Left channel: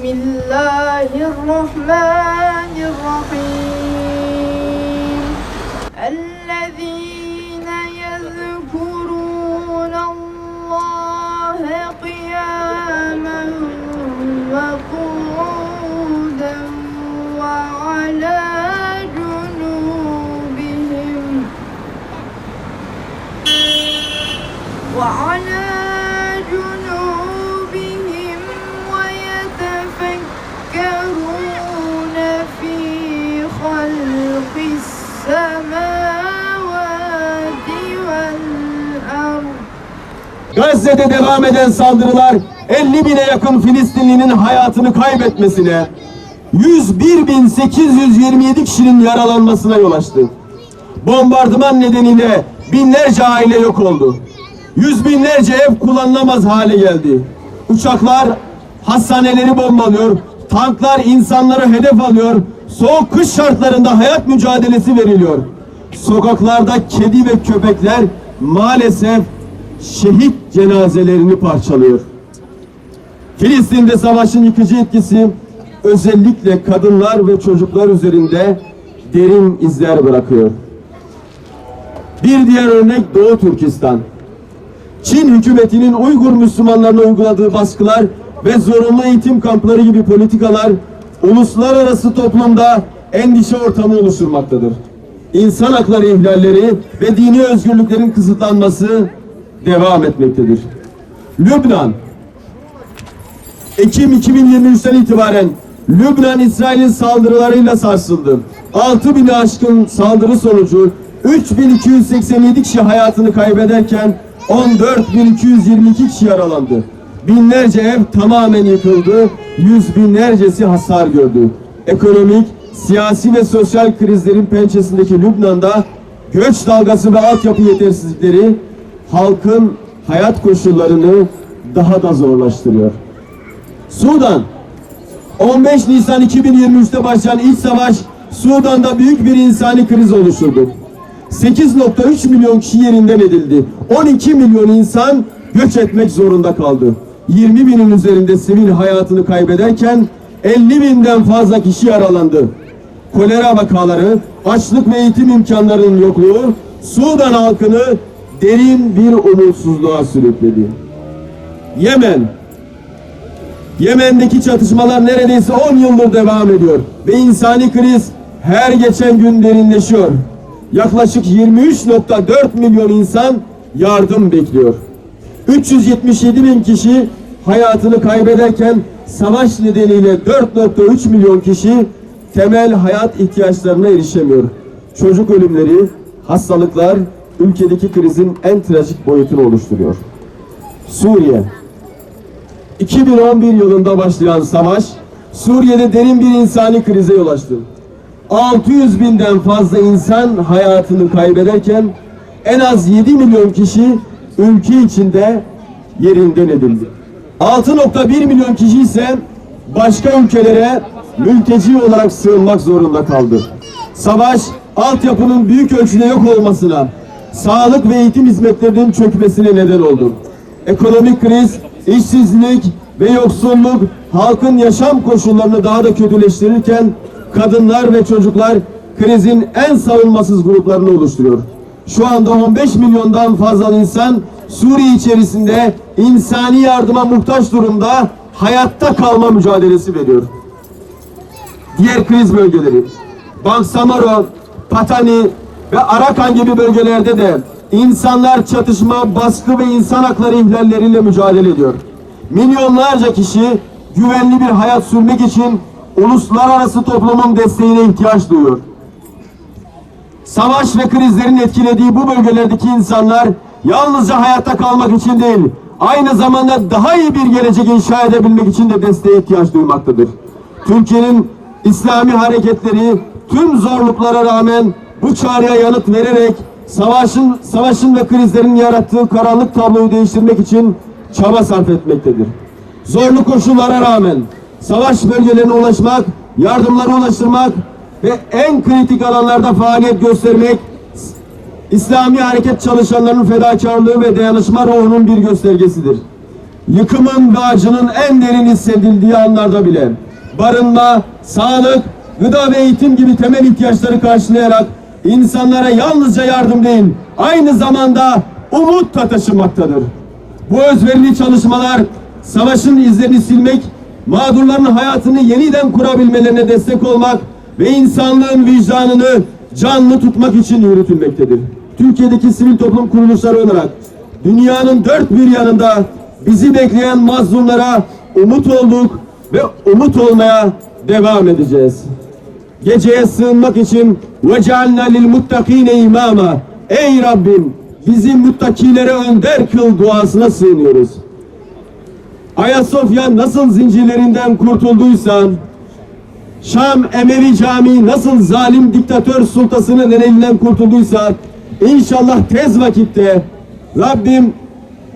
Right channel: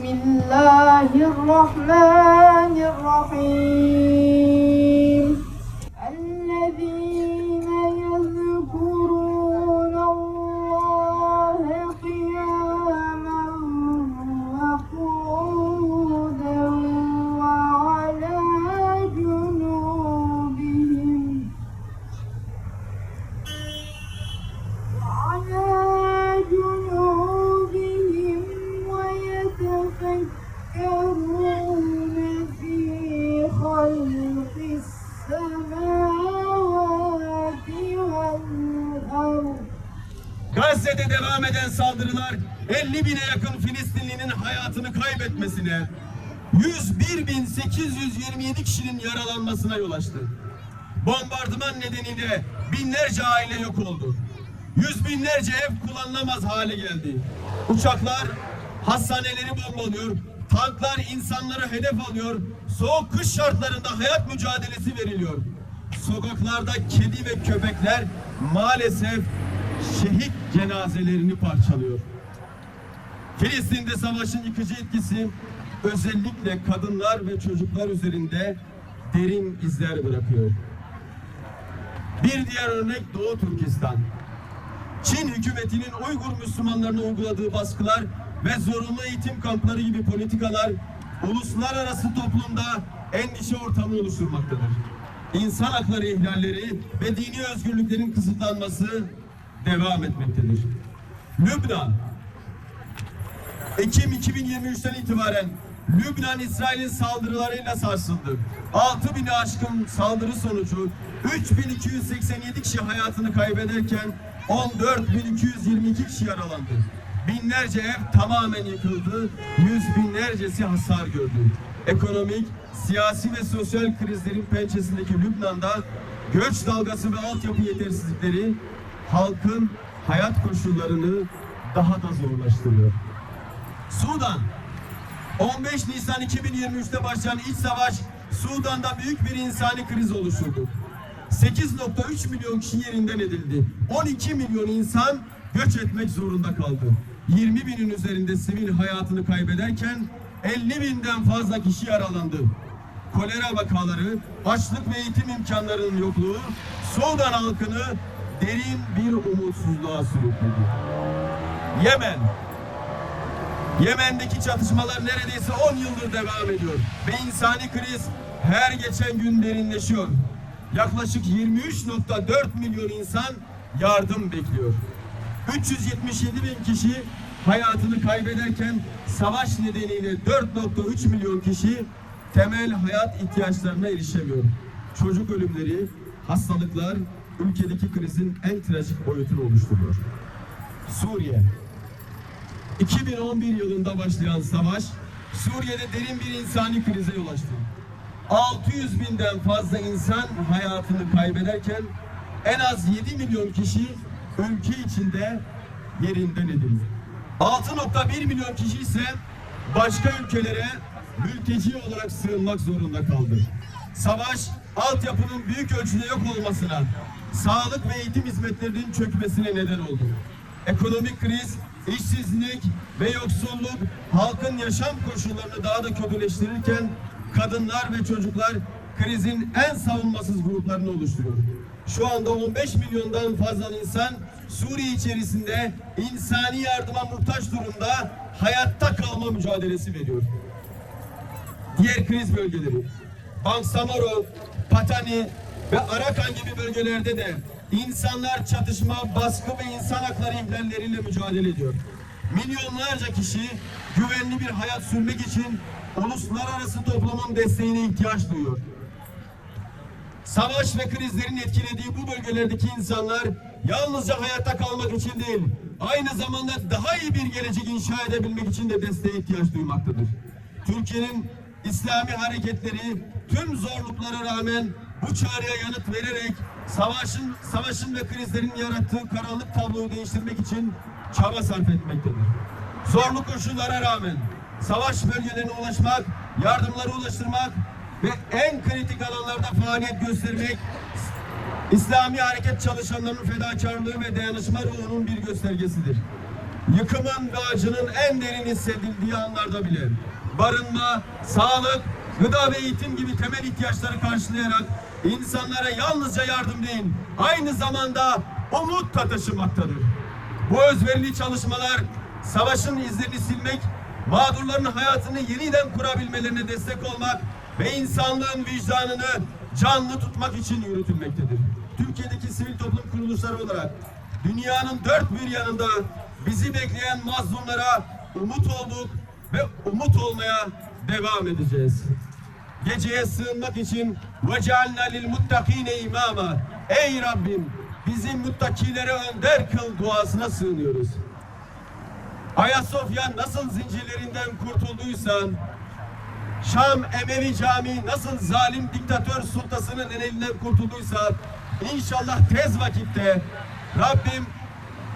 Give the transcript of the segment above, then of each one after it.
Bismillahirrahmanirrahim. Ellezîne yezkurûnallâhe kıyâmen ve kûden ve alâ cunûbihim ويتفكرون في خلق السماوات والأرض. Gazze'de devam eden saldırılar 50 bine yakın Filistinlinin hayatını kaybetmesine, 101.827 kişinin yaralanmasına yol açtı. Bombardıman nedeniyle binlerce aile yok oldu. Yüz binlerce ev kullanılamaz hale geldi. Uçaklar hastaneleri bombalıyor, tanklar insanları hedef alıyor, soğuk kış şartlarında hayat mücadelesi veriliyor. Sokaklarda kedi ve köpekler maalesef şehit cenazelerini parçalıyor. Filistin'de savaşın yıkıcı etkisi özellikle kadınlar ve çocuklar üzerinde derin izler bırakıyor. Bir diğer örnek Doğu Türkistan. Çin hükümetinin Uygur Müslümanlarına uyguladığı baskılar ve zorunlu eğitim kampları gibi politikalar uluslararası toplumda endişe ortamı oluşturmaktadır. İnsan hakları ihlalleri ve dini özgürlüklerin kısıtlanması devam etmektedir. Lübnan, Ekim 2023'ten itibaren Lübnan İsrail'in saldırılarıyla sarsıldı. 6.000'i aşkın saldırı sonucu 3.287 kişi hayatını kaybederken 14.222 kişi yaralandı. Binlerce ev tamamen yıkıldı, yüz binlercesi hasar gördü. Ekonomik, siyasi ve sosyal krizlerin pençesindeki Lübnan'da göç dalgası ve altyapı yetersizlikleri halkın hayat koşullarını daha da zorlaştırıyor. Sudan, 15 Nisan 2023'te başlayan iç savaş Sudan'da büyük bir insani kriz oluşturdu. 8.3 milyon kişi yerinden edildi. 12 milyon insan göç etmek zorunda kaldı. 20 binin üzerinde sivil hayatını kaybederken 50 binden fazla kişi yaralandı. Kolera vakaları, açlık ve eğitim imkanlarının yokluğu Sudan halkını derin bir umutsuzluğa sürükledi. Yemen'deki çatışmalar neredeyse 10 yıldır devam ediyor ve insani kriz her geçen gün derinleşiyor. Yaklaşık 23.4 milyon insan yardım bekliyor. 377 bin kişi hayatını kaybederken savaş nedeniyle 4.3 milyon kişi temel hayat ihtiyaçlarına erişemiyor. Çocuk ölümleri, hastalıklar ülkedeki krizin en trajik boyutunu oluşturuyor. Suriye, 2011 yılında başlayan savaş Suriye'de derin bir insani krize yol açtı. 600 binden fazla insan hayatını kaybederken en az 7 milyon kişi ülke içinde yerinden edildi. 6.1 milyon kişi ise başka ülkelere mülteci olarak sığınmak zorunda kaldı. Savaş altyapının büyük ölçüde yok olmasına, sağlık ve eğitim hizmetlerinin çökmesine neden oldu. Ekonomik kriz, işsizlik ve yoksulluk halkın yaşam koşullarını daha da kötüleştirirken kadınlar ve çocuklar krizin en savunmasız gruplarını oluşturuyor. Şu anda 15 milyondan fazla insan Suriye içerisinde insani yardıma muhtaç durumda hayatta kalma mücadelesi veriyor. Diğer kriz bölgeleri Bangsamoro, Patani ve Arakan gibi bölgelerde de insanlar çatışma, baskı ve insan hakları ihlalleriyle mücadele ediyor. Milyonlarca kişi güvenli bir hayat sürmek için uluslararası toplumun desteğine ihtiyaç duyuyor. Savaş ve krizlerin etkilediği bu bölgelerdeki insanlar yalnızca hayatta kalmak için değil, aynı zamanda daha iyi bir gelecek inşa edebilmek için de desteğe ihtiyaç duymaktadır. Türkiye'nin İslami hareketleri tüm zorluklara rağmen bu çağrıya yanıt vererek savaşın ve krizlerin yarattığı karanlık tabloyu değiştirmek için çaba sarf etmektedir. Zorlu koşullara rağmen savaş bölgelerine ulaşmak, yardımları ulaştırmak ve en kritik alanlarda faaliyet göstermek İslami hareket çalışanlarının fedakarlığı ve dayanışma ruhunun bir göstergesidir. yıkımın ve acının en derin hissedildiği anlarda bile barınma, sağlık, gıda ve eğitim gibi temel ihtiyaçları karşılayarak insanlara yalnızca yardım değil, aynı zamanda umut da taşımaktadır. Bu özverili çalışmalar savaşın izlerini silmek, mağdurların hayatını yeniden kurabilmelerine destek olmak ve insanlığın vicdanını canlı tutmak için yürütülmektedir. Türkiye'deki sivil toplum kuruluşları olarak dünyanın dört bir yanında bizi bekleyen mazlumlara umut olduk ve umut olmaya devam edeceğiz. Geceye sığınmak için وَجَعَلْنَا لِلْمُتَّقِينَ imama. Ey Rabbim, bizi muttakilere önder kıl duasına sığınıyoruz. Ayasofya nasıl zincirlerinden kurtulduysa, Şam Emevi Camii nasıl zalim diktatör sultasının elinden kurtulduysa, inşallah tez vakitte Rabbim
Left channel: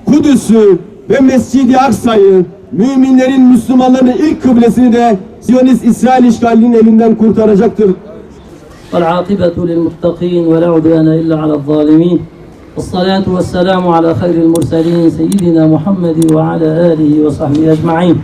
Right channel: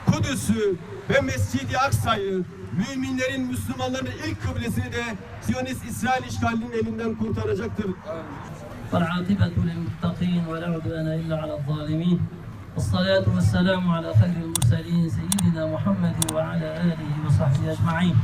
Kudüs'ü ve Mescid-i Aksa'yı, müminlerin, Müslümanların ilk kıblesini de Siyonist İsrail işgalinin elinden kurtaracaktır. والعاقبة للمتقين ولا عدوان إلا على الظالمين والصلاة والسلام على خير المرسلين سيدنا محمد وعلى آله وصحبه أجمعين